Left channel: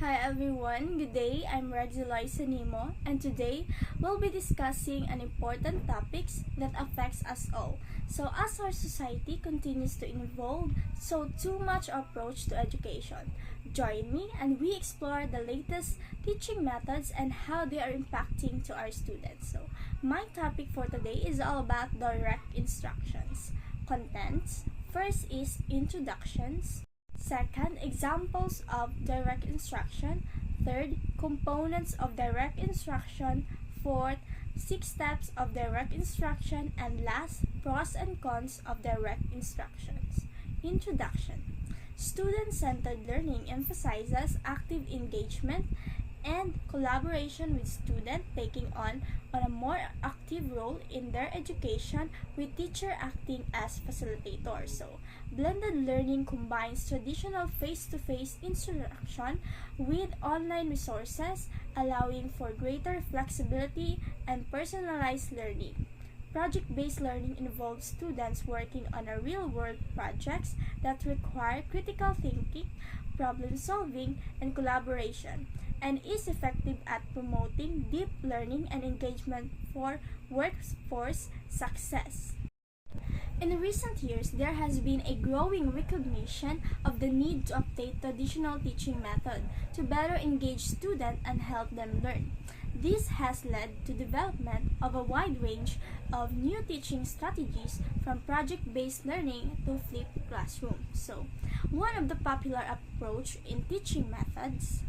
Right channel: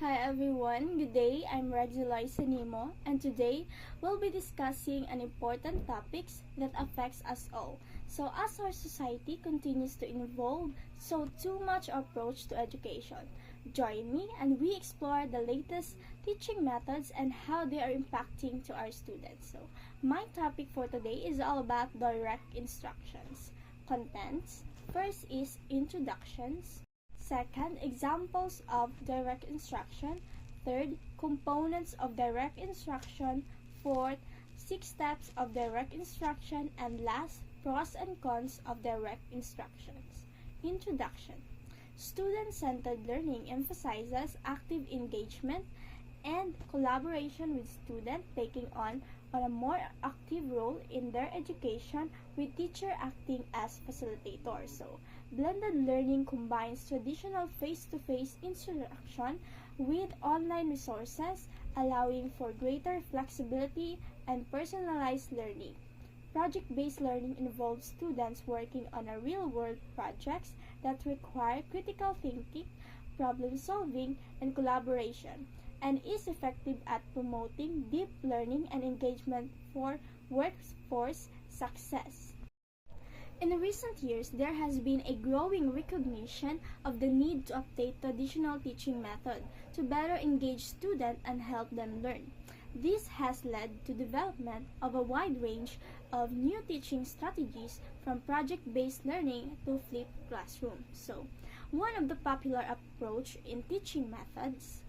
Hi everyone, good day. I'm Regzilay Sanimo, and today we'll be discussing an important topic that affects us all. So as our society continues to evolve, so too much approach to education. Join me and we explore the latest teaching methods and how they are impacting to our students. So my topic for today is all about direct instructions. Contents. First is introductions. Second, examples of direct instruction. Third, components of direct instruction. Fourth, 6 steps of direct instruction. And last, pros and cons of direct instructions. Introduction. Student-centered learning emphasizes active engagement and collaboration with students taking on a more active role in their education, with teacher acting as facilitator. So, blended learning combines traditional face-to-face instruction with online resources, allowing for greater flexibility and personalized learning. Project-based learning involves students working on a real-world projects that require critical thinking, problem-solving, and collaboration, and is effective at promoting deep learning and engagement for workforce success. In recent years, there has been a growing recognition of the need to update traditional teaching methods to better engage students and help them learn. This has led to development of a wide range of new teaching strategies, from project-based learning to flipped classroom. So, one of the popular approach in teaching methods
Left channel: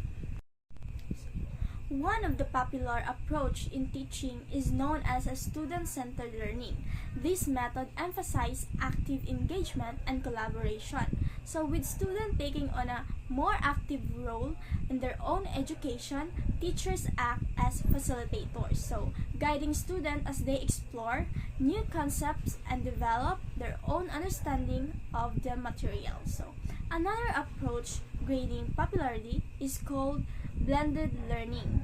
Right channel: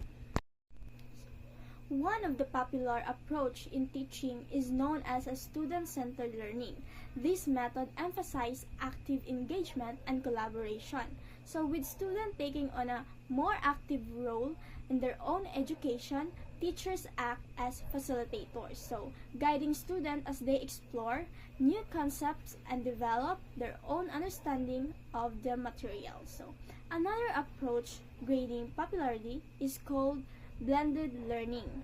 is known as a student-centered learning. This method emphasizes active engagement and collaboration. So with students taking on a more active role in their own education, teachers act as facilitators, so guiding students as they explore new concepts and develop their own understanding of the material. So another approach gaining popularity is called blended learning.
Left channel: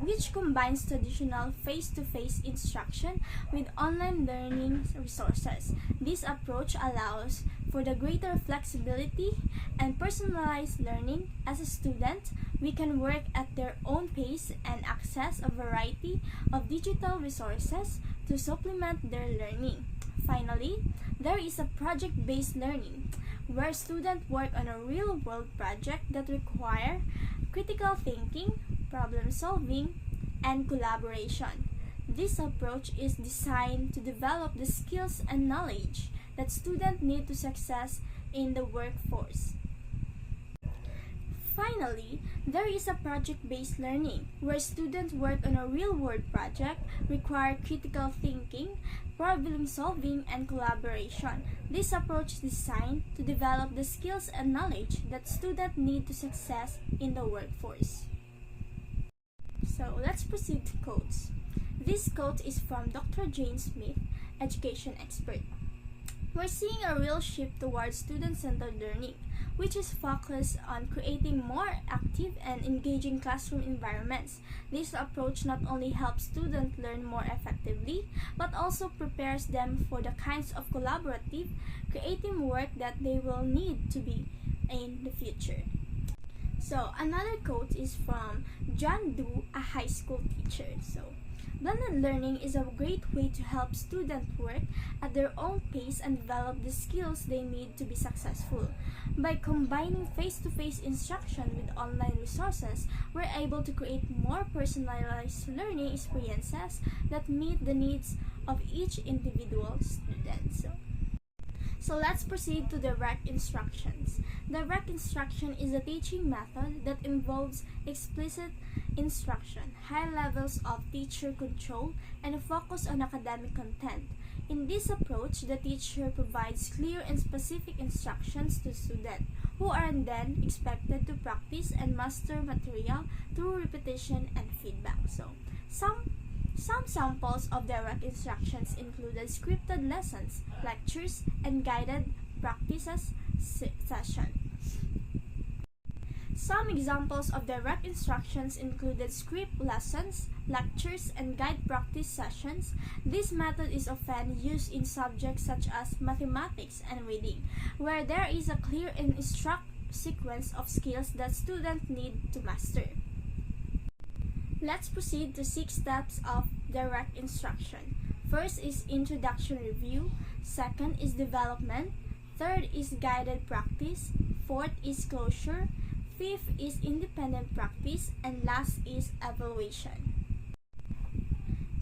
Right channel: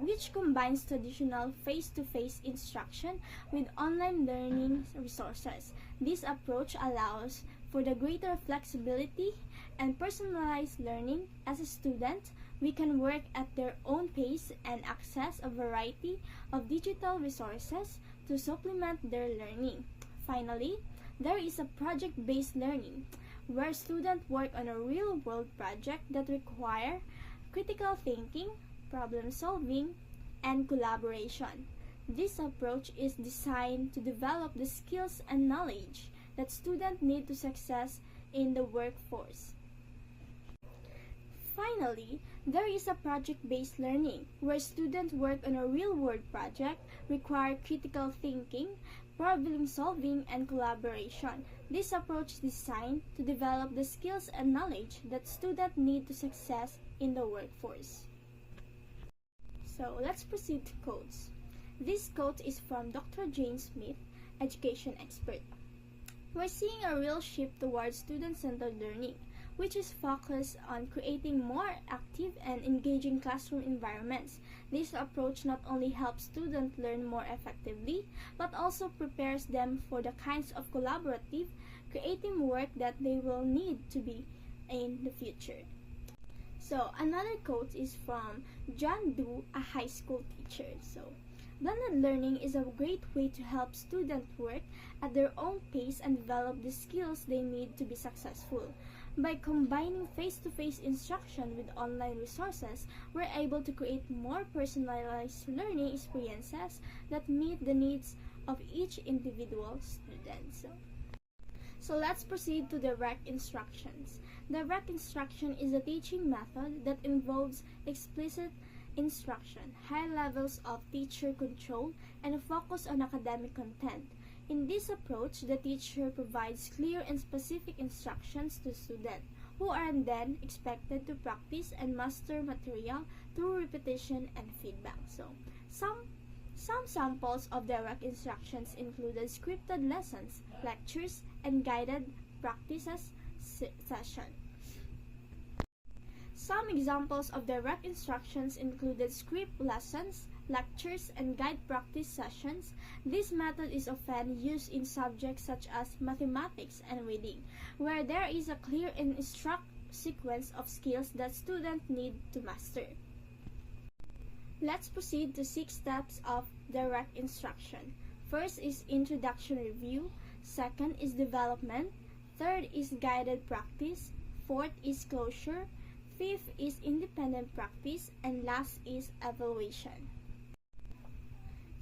Which combines traditional face-to-face instruction with online learning resources. This approach allows for the greater flexibility and personalized learning. As a student, we can work at their own pace and access a variety of digital resources to supplement their learning. Finally, there is a project-based learning, where students work on a real-world project that require critical thinking, problem-solving, and collaboration. This approach is designed to develop the skills and knowledge that students need to success in the workforce. Finally, there is a project-based learning, where students work on a real-world project, require critical thinking, problem-solving, and collaboration. This approach is designed to develop the skills and knowledge that students need to success in the workforce. So let's proceed to quotes. This quote is from Dr. James Smith, education expert. We're seeing a real shift towards student-centered learning, which is focused on creating more active and engaging classroom environments. This approach not only helps students learn more effectively, but also prepares them for the kinds of collaborative, creative work that they will need to be in the future. So, another quote is from John Doe, a high school teacher. So, blended learning is a great way to help students work at their own pace and develop the skills they need to be successful. By combining face-to-face instruction with online resources, we're able to create more personalized learning experiences that meet the needs of each individual student. So let's proceed to direct instructions. Direct instruction is a teaching method that involves explicit instruction, high levels of teacher control, and a focus on academic content. In this approach, the teacher provides clear and specific instructions to students, who are then expected to practice and master material through repetition and feedback. So, some samples of direct instructions included scripted lessons, lectures, and guided practices sessions. Some examples of direct instructions included script lessons, lectures, and guide practice sessions. This method is often used in subjects such as mathematics and reading, where there is a clear and structured sequence of skills that students need to master. Let's proceed to 6 steps of direct instruction. First is introduction review, second is development, third is guided practice, fourth is closure, fifth is independent practice, and last is evaluation.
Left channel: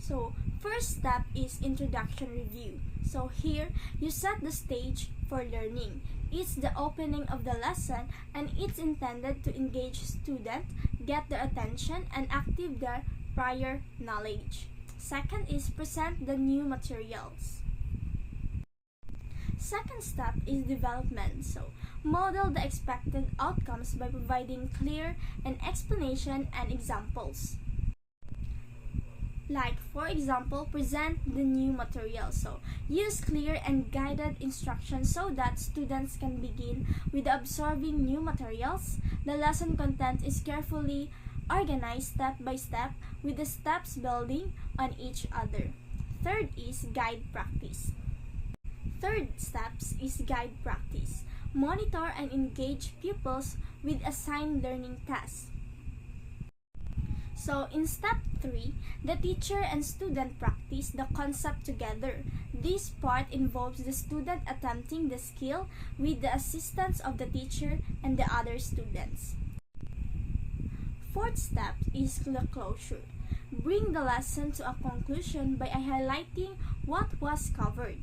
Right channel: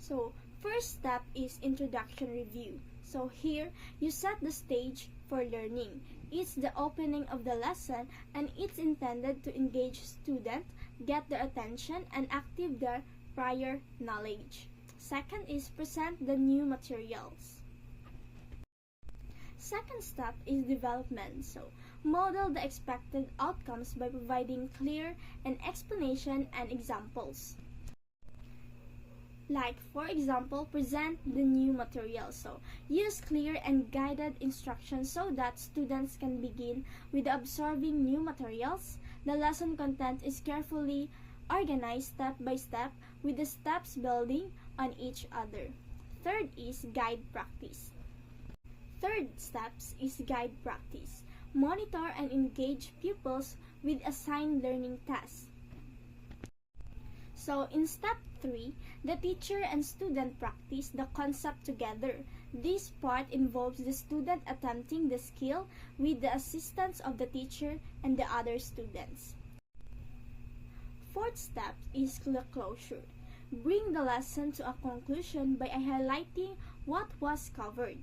So, first step is introduction review. So here, you set the stage for learning. It's the opening of the lesson and it's intended to engage students, get their attention, and activate their prior knowledge. Second is present the new materials. Second step is development. So, model the expected outcomes by providing clear and explanation and examples. Like, for example, present the new material. So, use clear and guided instructions so that students can begin with absorbing new materials. The lesson content is carefully organized step by step with the steps building on each other. Third is guide practice. Third steps is guide practice. Monitor and engage pupils with assigned learning tasks. So, in step 3, the teacher and student practice the concept together. This part involves the student attempting the skill with the assistance of the teacher and the other students. Fourth step is the closure. Bring the lesson to a conclusion by highlighting what was covered.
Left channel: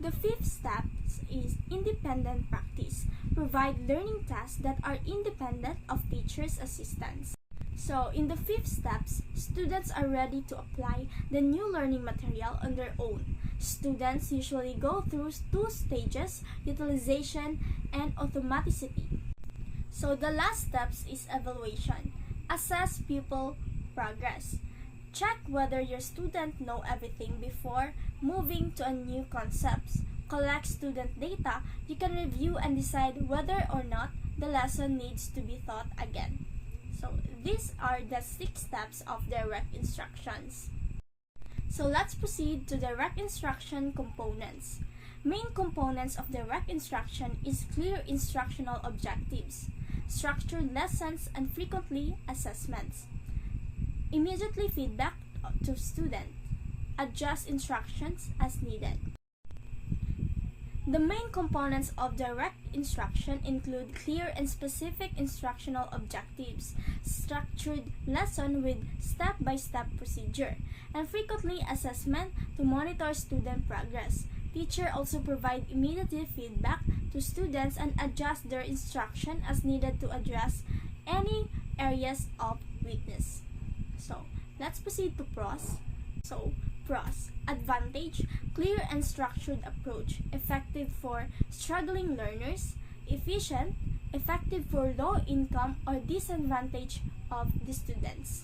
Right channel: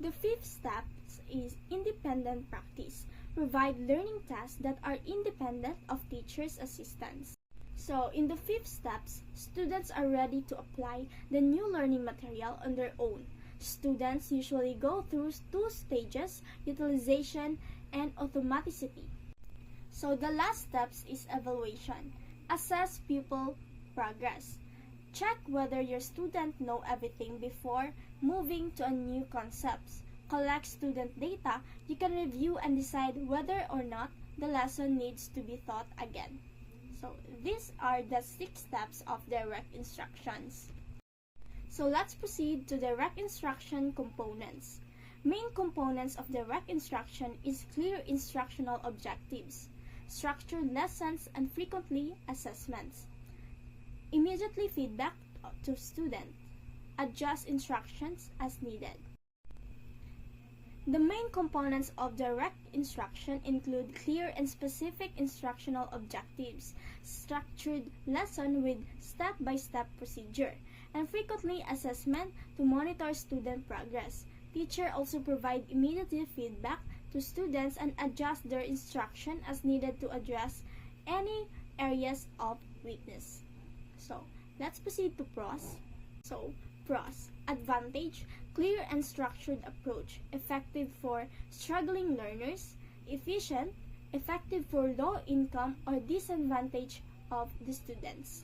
The fifth step is independent practice. Provide learning tasks that are independent of teacher's assistance. So, in the fifth steps, students are ready to apply the new learning material on their own. Students usually go through 2 stages, utilization and automaticity. So, the last steps is evaluation. Assess pupil progress. Check whether your student know everything before moving to a new concepts. Collect student data. You can review and decide whether or not the lesson needs to be taught again. So, these are the 6 steps of direct instructions. So, let's proceed to direct instruction components. Main components of direct instruction is clear instructional objectives, structured lessons, and frequently assessments. Immediately feedback to student. Adjust instructions as needed. The main components of direct instruction include clear and specific instructional objectives, structured lesson with step-by-step procedure, and frequently assessment to monitor student progress. Teacher also provide immediate feedback to students and adjust their instruction as needed to address any areas of weakness. So, let's proceed to pros. So, pros. Advantage, clear and structured approach, effective for struggling learners, efficient, effective for low income or disadvantage of the students.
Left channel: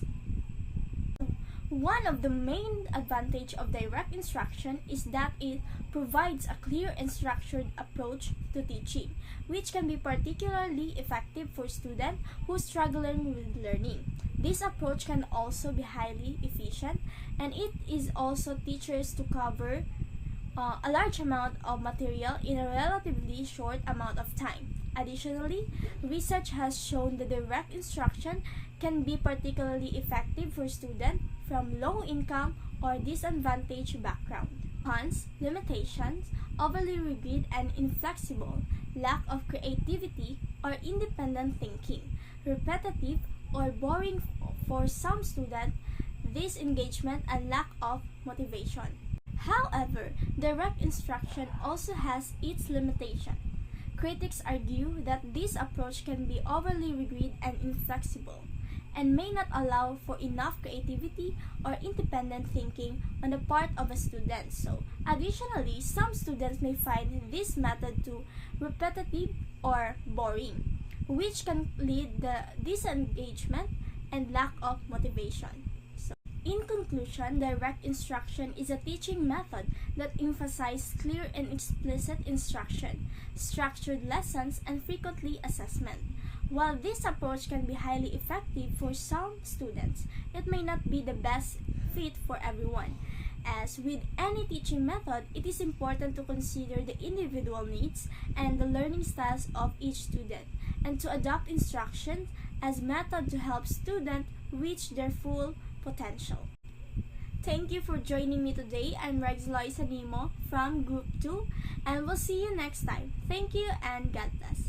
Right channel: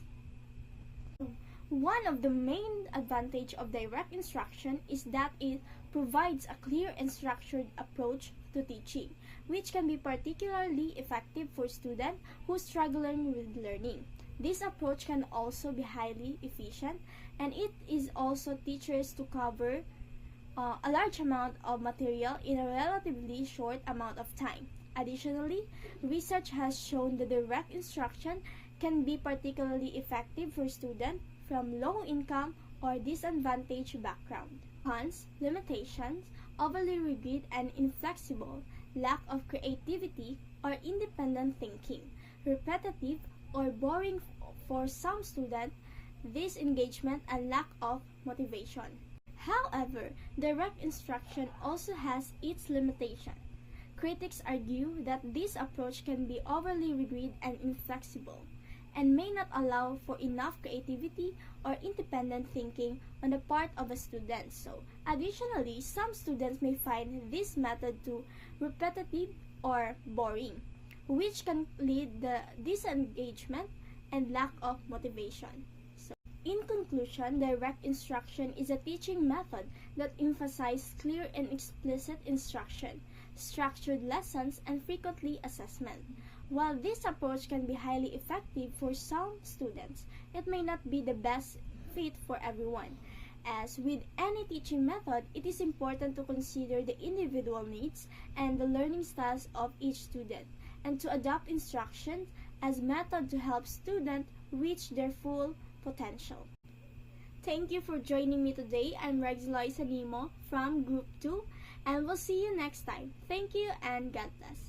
One of the main advantage of direct instruction is that it provides a clear and structured approach to teaching, which can be particularly effective for students who are struggling with learning. This approach can also be highly efficient, and it is also teachers to cover a large amount of material in a relatively short amount of time. Additionally, research has shown that direct instruction can be particularly effective for students from low-income or disadvantaged background. Cons, limitations, overly rigid and inflexible, lack of creativity or independent thinking, repetitive or boring for some students, disengagement and lack of motivation. However, direct instruction also has its limitation. Critics argue that this approach can be overly rigid and inflexible, and may not allow for enough creativity or independent thinking on the part of a student. So, additionally, some students may find this method too repetitive or boring, which can lead to disengagement and lack of motivation. So, in conclusion, direct instruction is a teaching method that emphasizes clear and explicit instruction, structured lessons, and frequently assessment. While this approach can be highly effective for some students, it may not be the best fit for everyone, As with any teaching method, it is important to consider the individual needs and the learning styles of each student, and to adopt instruction as method to help students reach their full potential. Thank you for joining me today. I'm Loisa Nimo from Group 2, and we'll see you next time. Thank you and God bless.